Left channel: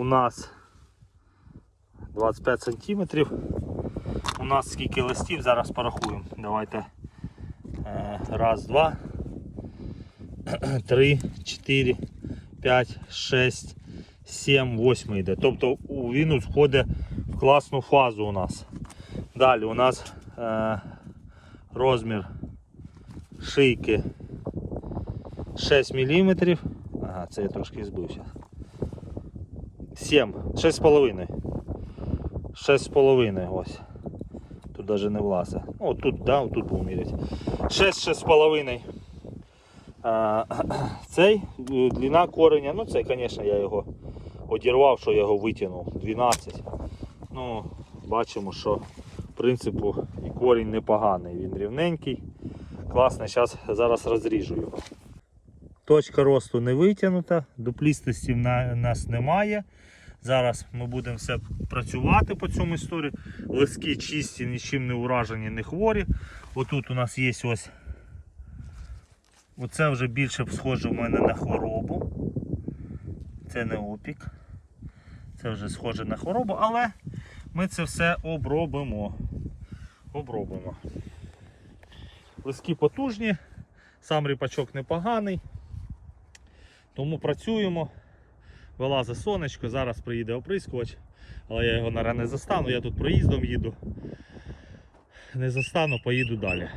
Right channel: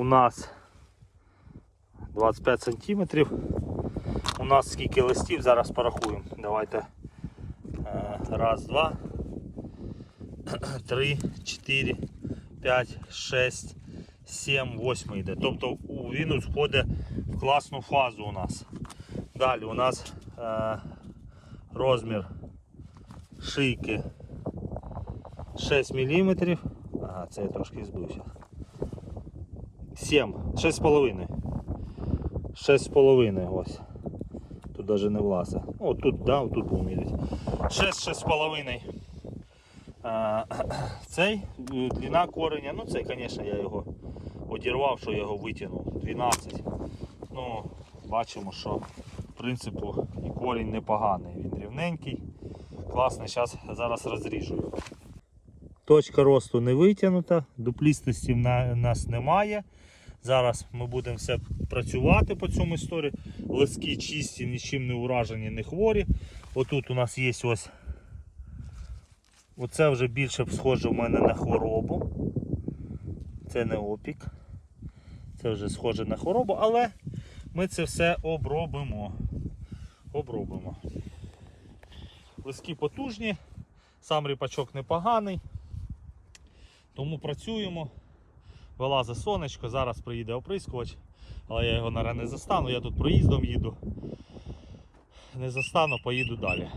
у нас 25 сантиметрів. У нас скільки листів, зараз порахуємо. Давайте. Е, Раз, два, три, чотири, п'ять, шесть, сім, восьмий йде. Тобто він входить в класну фазу у нас. Далі у нас е, розмір шийки 6 мм. Ага, це я трошки збився. 7, 6,5. 6,5 ось. Тут навіть не влазить. О, тут, да, тут будемо міряти. 6, 6,5. А, цей е, длина кореня, ну це, звісно, я його одірвав, що я його витягнув. 12. Ну, бачимо, що в принципі корінь непоганий. Він рівненький. Класний, зараз розріжу його. Точка росту не витягнута, дуплістості в нас немає. Зараз ми будемо все працювати по цьому історії. Лиски чисті, нічим не уражені, не хворі. Отут у нас є ось. Оце вже більше схоже в мене на хворобу. Це не опік. Це вже схоже на хворобу, але ми це все обробимо. Обробимо. Лиски потужні, сам ріпачок непоганий. Тому працюємо. Вилазе сонечко, зараз приїде оприскувач, але я його наразі не застану, я тут проїздом їду. Не застану, поїду далі.